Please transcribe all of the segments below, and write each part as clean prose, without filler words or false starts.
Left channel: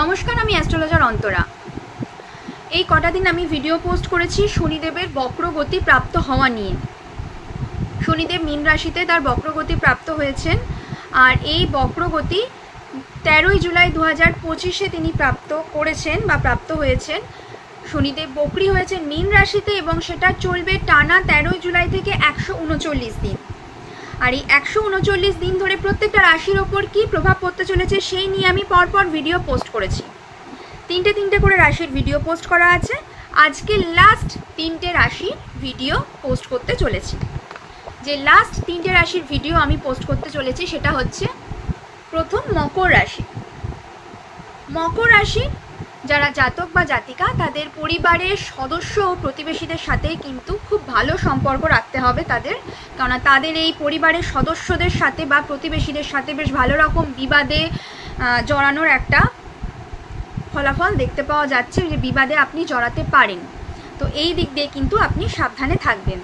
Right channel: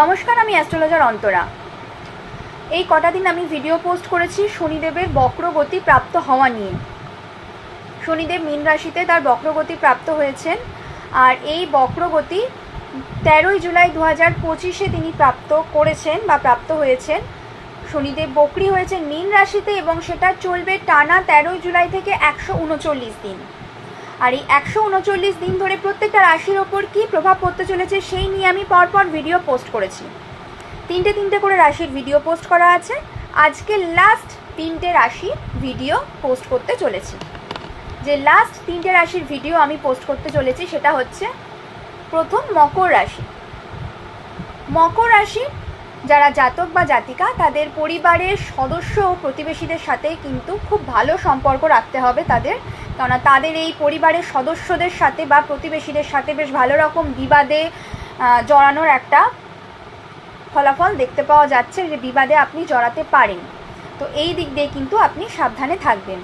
নমস্কার, আমি অ্যাস্ট্রোলজার অন্তরা। এই কটা দিন আমি ভিডিও পোস্ট করেছি শনিদেবের বক্রগতি প্রাপ্ত হওয়া নিয়ে। শনিদেব মীন রাশিতে তার বক্রগতি প্রাপ্ত হয়েছেন, আর এই বক্রগতি 13ই জুলাই 2025 তিনি প্রাপ্ত করেছেন বা প্রাপ্ত হয়েছেন। শনিদেব বক্রী হয়েছেন মীন রাশিতে এবং সেটা চলবে টানা 13ই জুলাই থেকে 139 দিন। আর এই 139 দিন ধরে প্রত্যেকটা রাশির ওপর কী প্রভাব পড়তে চলেছে সেই নিয়ে আমি পরপর ভিডিও পোস্ট করেছি। তিনটে করে রাশির ভিডিও পোস্ট করা আছে। আজকে লাস্ট 3টে রাশির ভিডিও পোস্ট করতে চলেছি। যে লাস্ট 3টে রাশির ভিডিও আমি পোস্ট করতে চলেছি সেটা হচ্ছে প্রথম মকর রাশি। মকর রাশি যারা জাতক বা জাতিকা, তাদের পরিবারের সদস্য ও প্রতিবেশীদের সাথে কিন্তু খুব ভালো সম্পর্ক রাখতে হবে তাদের, কেননা তাদের এই পরিবারের সদস্যদের সাথে বা প্রতিবেশীদের সাথে বেশ ভালো রকম বিবাদে জড়ানোর একটা ফলাফল দেখতে পাওয়া যাচ্ছে, যে বিবাদে আপনি জড়াতে পারেন। তো এই দিক দিয়ে কিন্তু আপনি সাবধানে থাকবেন।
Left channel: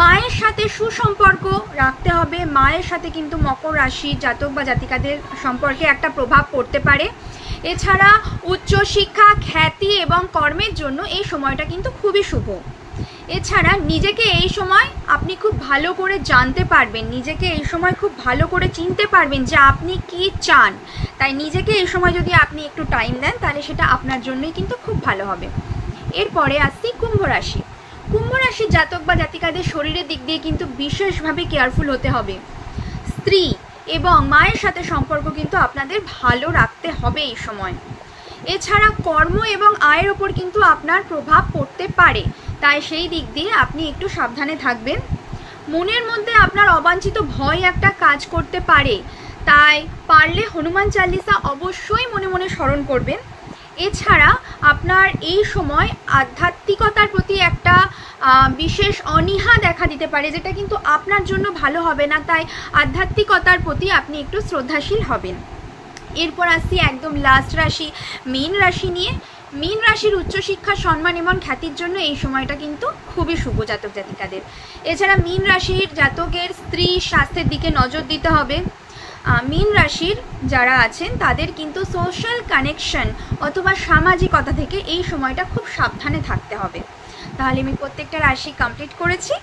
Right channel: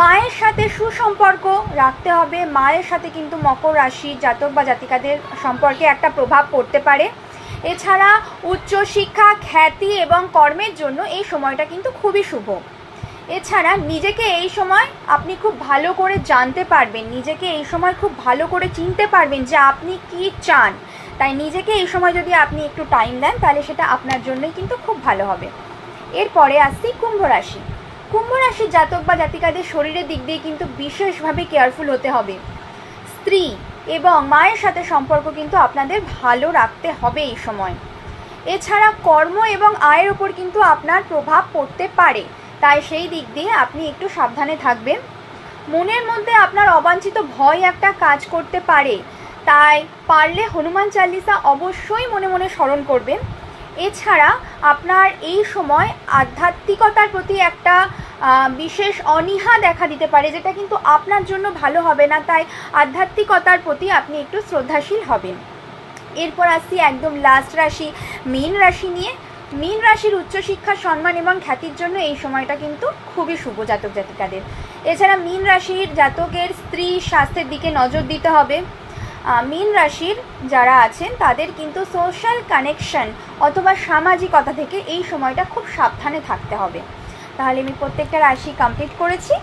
মায়ের সাথে সুসম্পর্ক রাখতে হবে। মায়ের সাথে কিন্তু মকর রাশি জাতক বা জাতিকাদের সম্পর্কে একটা প্রভাব পড়তে পারে। এছাড়া উচ্চশিক্ষা, খ্যাতি এবং কর্মের জন্য এই সময়টা কিন্তু খুবই শুভ। এছাড়া নিজেকে এই সময় আপনি খুব ভালো করে জানতে পারবেন, নিজেকে এই সময় খুব ভালো করে চিনতে পারবেন যে আপনি কি চান। তাই নিজেকে এই সময় যদি আপনি একটু টাইম দেন তাহলে সেটা আপনার জন্যই কিন্তু খুব ভালো হবে। এরপরে আসছি কুম্ভ রাশি। কুম্ভ রাশির জাতক বা জাতিকাদের শরীরের দিক দিয়ে কিন্তু বিশেষভাবে কেয়ারফুল হতে হবে। স্ত্রী এবং মায়ের সাথে সম্পর্ক কিন্তু আপনাদের ভালো রাখতে হবে এই সময়। এছাড়া কর্ম এবং আয়ের ওপর কিন্তু আপনার প্রভাব পড়তে পারে, তাই সেই দিক দিয়ে আপনি একটু সাবধানে থাকবেন। মনের মধ্যে আপনার অবাঞ্ছিত ভয় একটা কাজ করতে পারে, তাই পারলে হনুমান চালিসা অবশ্যই মনে মনে স্মরণ করবেন। এছাড়া আপনার এই সময় আধ্যাত্মিকতার প্রতি একটা বিশেষ অনীহা দেখা দিতে পারে, যেটা কিন্তু আপনার জন্য ভালো হবে না, তাই আধ্যাত্মিকতার প্রতি আপনি একটু শ্রদ্ধাশীল হবেন। এরপর আসছি একদম লাস্ট রাশি মীন রাশি নিয়ে। মীন রাশির উচ্চশিক্ষা, সম্মান এবং খ্যাতির জন্য এই সময়টা কিন্তু খুবই শুভ জাতক জাতিকাদের। এছাড়া মীন রাশির জাতকের স্ত্রী স্বাস্থ্যের দিকে নজর দিতে হবে। মীন রাশির যারা আছেন তাদের কিন্তু সোশ্যাল কানেকশন অথবা সামাজিকতা থেকে এই সময়টা খুব সাবধানে থাকতে হবে। তাহলে আমি প্রত্যেকটা রাশি কমপ্লিট করেছি।